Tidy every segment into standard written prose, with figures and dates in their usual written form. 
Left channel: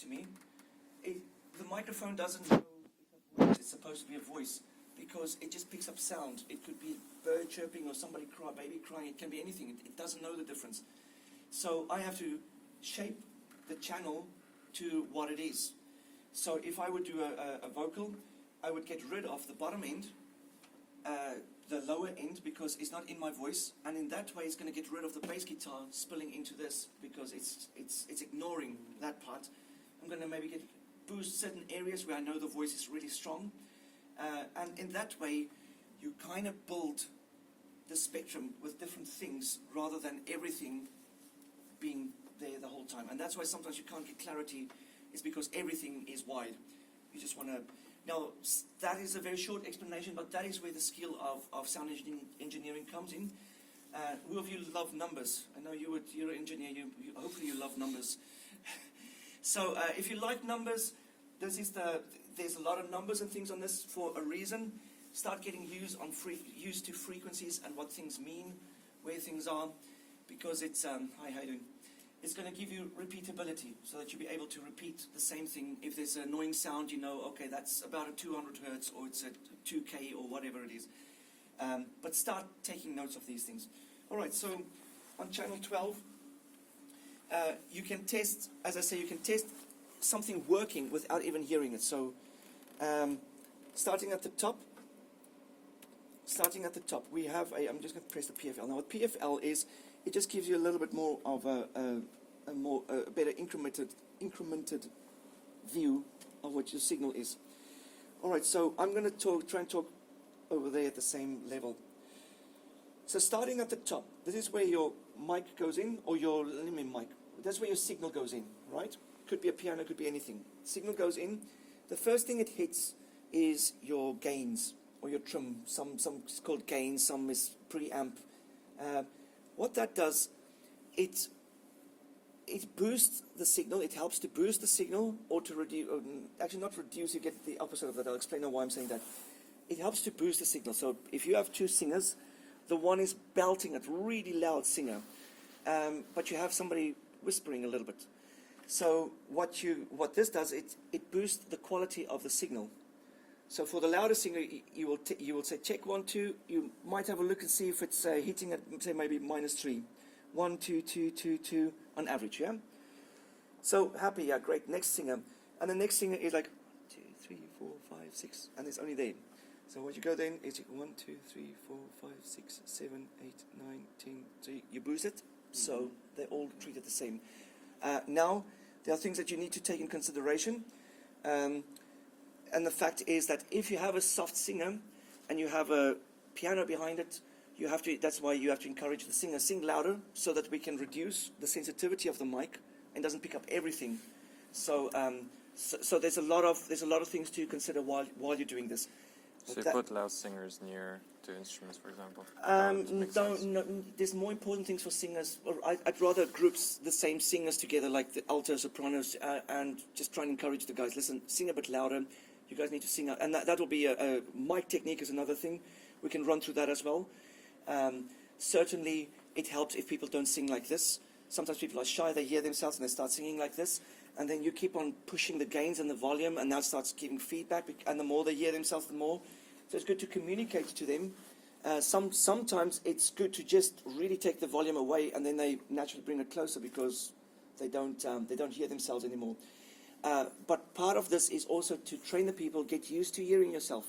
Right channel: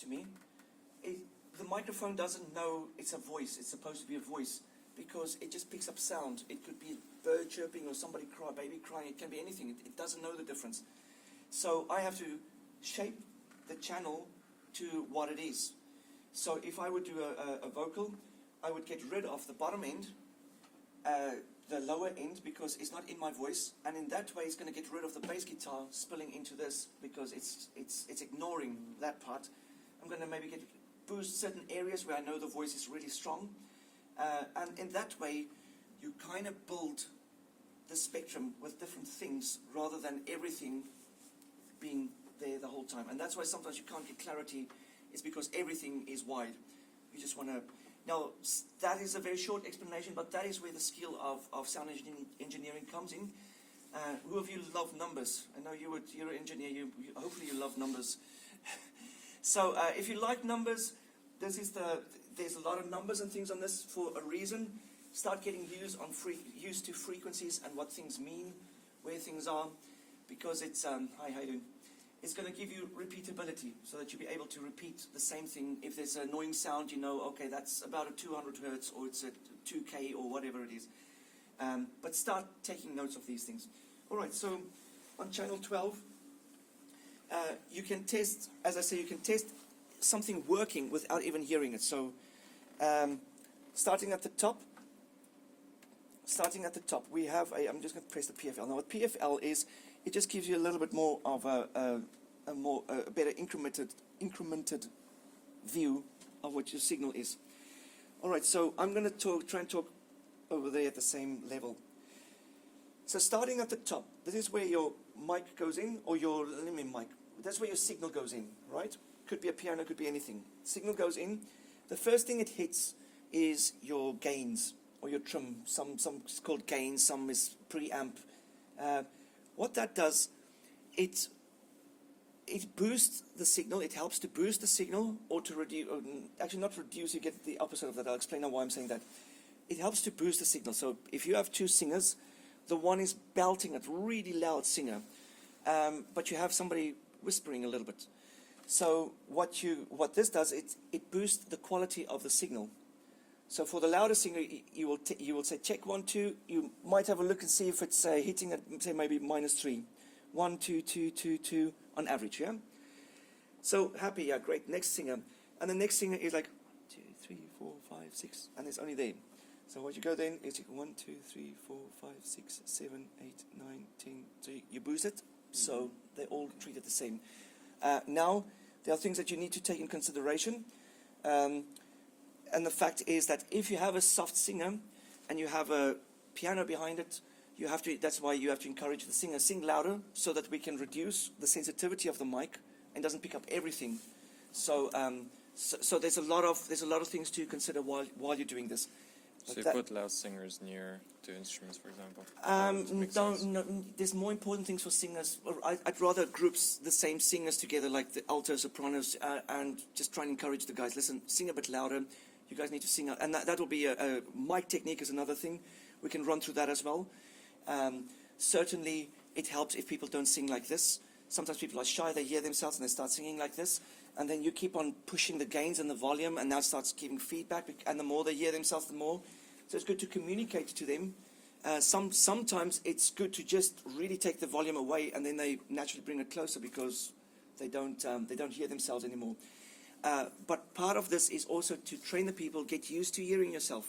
to me, the microphone doesn't know it's a voice. It's supposed to be a voice because it just picks up sound. It could be a bird chirping or somebody baby crying. It can be anything. It doesn't know the difference. So I have to shape the channel to what it is. So if I would do a vocal, I would get rid of the bottom end, the lower end, because it's not in my voice, and in that way it's going to get rid of the bass guitar spilling into this because it's ignoring that part. I'm going to maybe boost certain areas where I know the voice is really strong, and in that way you kind of build the spectrum with different things rather than everything being there the whole time. And that's why sometimes you can't get clarity, is because everything is wide. You just want to... Now, that is a very short explanation, but that is where the skill of sound engineering comes in. Who of you love numbers? I know you're an engineer, hopefully you love numbers. So if you like numbers, there's a lot of numbers and things on this for a reason. Start getting used to frequencies and what things mean, where things are, because it's, hi, how you doing? It's going to give you repeatability, so that you'll be able to repeat the same thing. If there's an annoying sound, you know, okay, that's about a 200 hertz, or it's a 2K, or whatever it is. But start taking notes of these things. All right, so on channel 12, you can test, as I say, you can test something working without even hearing it. So starting at the top, we have I'm just going to press the PFL. Now what PFL is, it just gives you a little bit more of a better incremented view of what your signal is. All right, so I'm going to try and talk over there at the same level. So starting at the top, this is where your mic goes in, or your mic. That's where your signal goes in, right? Could be a piano, could be anything. Signal goes in. The first thing it hits is your gains, or your trim. Some is called gains, some is preamp. What that does, it boosts the signal. It helps to boost the signal, or to reduce. Actually, not reduce. You get the opposite of that. I'll explain why I'm saying that. It helps to boost the signal. So if you have two singers, the one is belting a really loud singer, but you have somebody whispering a little bit. So what this does, it boosts the quality of the signal. So for the louder singer, you will say check 1 2. You might have a look and see if it's hitting at, say, maybe -3, 1 2 2 2 2 on average. Yeah. So happy, yeah, great. Next singer, and the next singer is like 2 3 4 5 6, and it's only there. So what you go then is 1 2 3 4 5 6 7 8 9 10. So you boost it, so they're all treated the same. Now there are things that you need to take in consideration. And the fact is that if you have a soft singer and you have a piano behind it, that's why you have to encourage the singer sing louder, so that we can reduce the sensitivity of the mic and doesn't pick up everything. So so there's a lot of things to consider while you're doing this. So you put loud singers near to instruments, for example? No, there's more important things for singers. I'd rather groups the same singers together, like the alto, sopranos, and just try and encourage the guys. Listen, sing a bit louder. You guys need to sing out. And that will be a mic technique is another thing. We can run through that as well. Certainly, it helps if people don't sing like this. Sometimes people are shy, they hear themselves and they start singing like this. And then you keep on pushing the gains and the volume, and that starts giving feedback. And the more they hear themselves, the more. So it's good to communicate to them. Sometimes it's good to just really take the volume away, and then they naturally bring it closer because they don't hear themselves anymore. But part of this is also to train the people, get used to hearing yourself.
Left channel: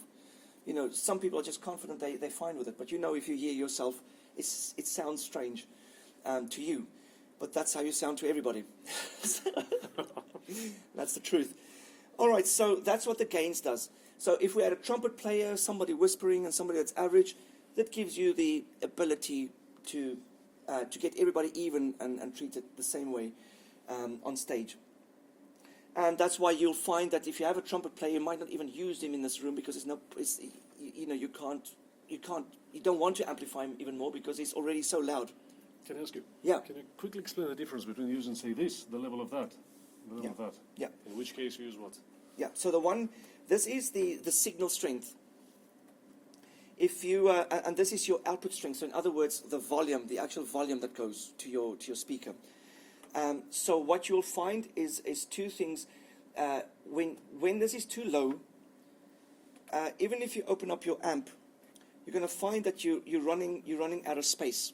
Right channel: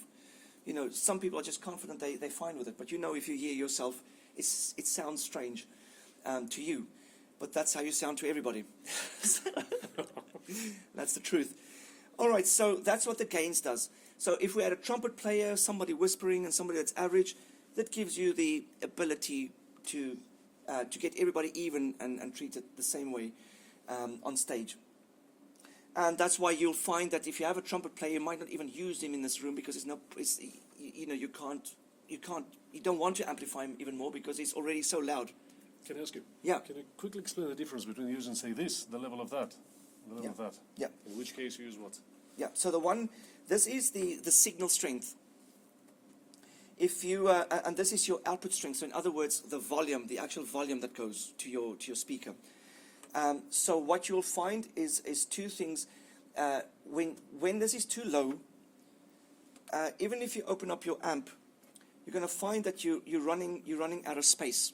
You know, some people are just confident, they're fine with it. But you know, if you hear yourself, it sounds strange to you. But that's how you sound to everybody. That's the truth. All right, so that's what the gains does. So if we had a trumpet player, somebody whispering, and somebody that's average, that gives you the ability to get everybody even and treat it the same way on stage. And that's why you'll find that if you have a trumpet player, you might not even use him in this room because you don't want to amplify him even more because he's already so loud. Can I ask you? Yeah. Can I quickly explain the difference between using, say, this, the level of that, the level of that? Yeah. In which case you use what? Yeah. So this is the signal strength. If you and this is your output strength. So in other words, the volume, the actual volume that goes to your speaker. So what you'll find is two things. When this is too low, even if you open up your amp, you're going to find that you're running out of space,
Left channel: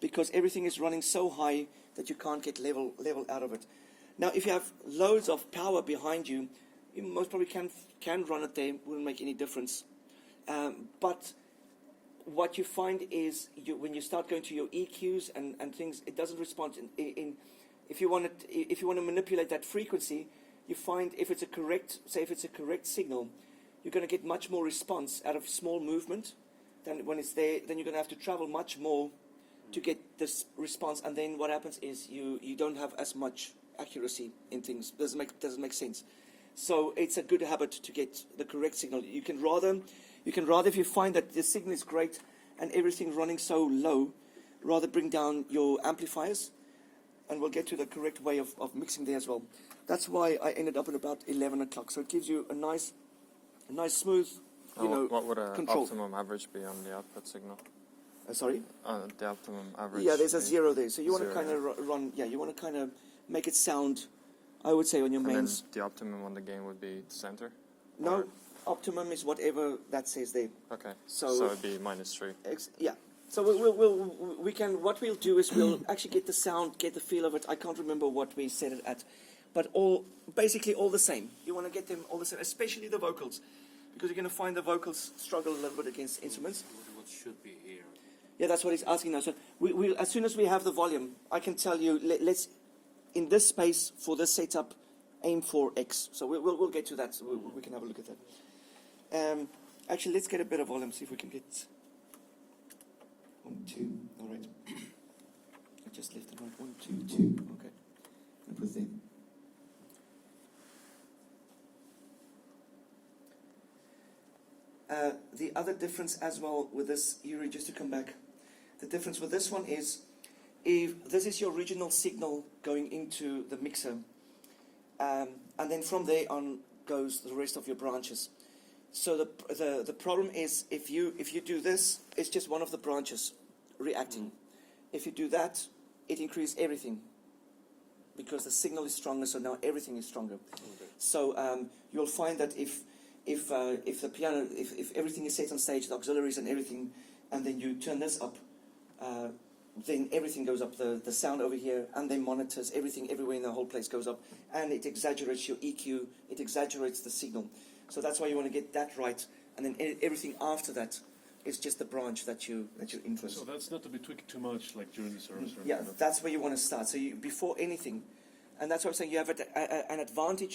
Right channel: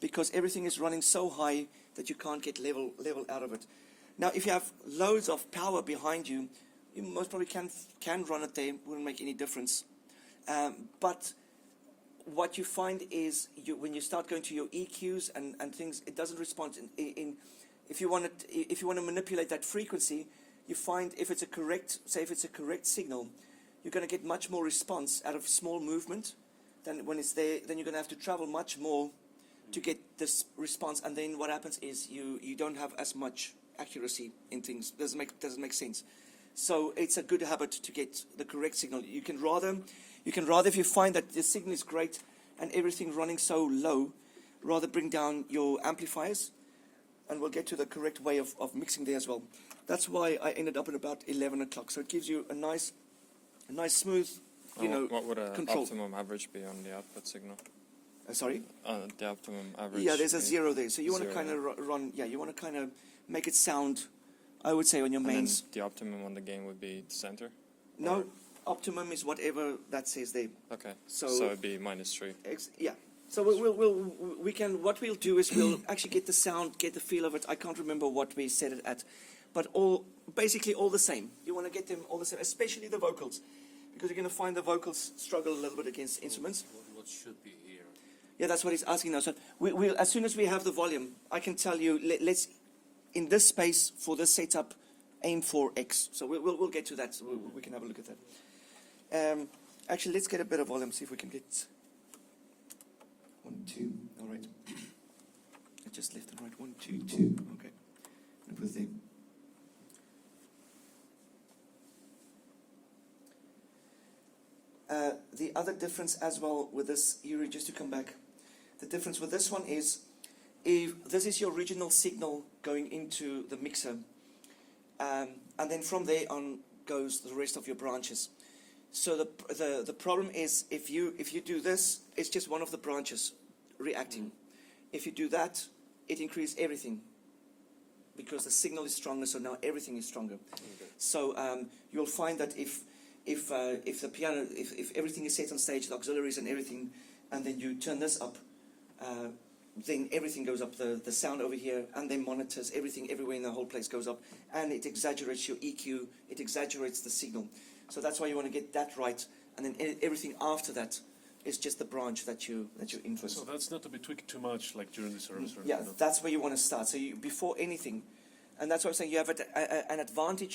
because everything is running so high that you can't get level out of it. Now, if you have loads of power behind you, you most probably can run it there. Wouldn't make any difference. But what you find is when you start going to your EQs and things, it doesn't respond. If you want to manipulate that frequency, you find if it's a correct signal, you're going to get much more response out of small movement than when it's there. Then you're going to have to travel much more to get this response, and then what happens is you don't have as much accuracy in things. Doesn't make sense. So it's a good habit to get the correct signal. You can rather, if you find that the signal is great and everything running so low, rather bring down your amplifiers, and we'll get to the correct way of mixing there as well. That's why I ended up at about 11 o'clock. So it gives you a nice smooth, what would an control. optimum average be on the output signal? Sorry? The optimum average. Yeah, there's a be 0 there. So you want to zero, kind of run, you want to kind of make it sound, I would say, on your And then mains. the optimum on the gain would be the center? No, optimum is whatever that says there. Okay. So it'd be -3. Yeah. So what we'll do is we'll actually get the sound, get the feel of it. I can't remember what we set it at, but basically all the same. You want to get them all the same, especially the vocals, because you're going to find the vocals struggle a little bit against instruments. What should be here? Yeah, that's what he's asking now. So we'll as soon as we have the volume, I can tell you. Let's in this space for this setup, aim for X. So we'll get to that. So we can have a look at that. Actually, let's get a bit of volume. See if we can get 1, 2. All right. I just left it right. 1, 2, 2. Okay. It was there. The other difference as well with this, Yuri, just to come back, the difference with this one is, if this is your original signal going into the mixer, and then from there on goes the rest of your branches. So the problem is, if you do this, it's just one of the branches reacting. If you do that, it increases everything, because the signal is stronger, so now everything is stronger. Okay. So you'll find that if the piano, if everything is set on stage, the auxiliaries and everything, and then you turn this up, then everything goes up. The sound over here, and then monitors, everything everywhere in the whole place goes up, and it exaggerates your EQ. It exaggerates the signal. So that's why you want to get that right, and then everything after that is just the branch that you influence. So that's not to be tweaked too much, like during this rehearsal. Yeah, that's where you want to start. So before anything, and that's why I'm saying you have an advantage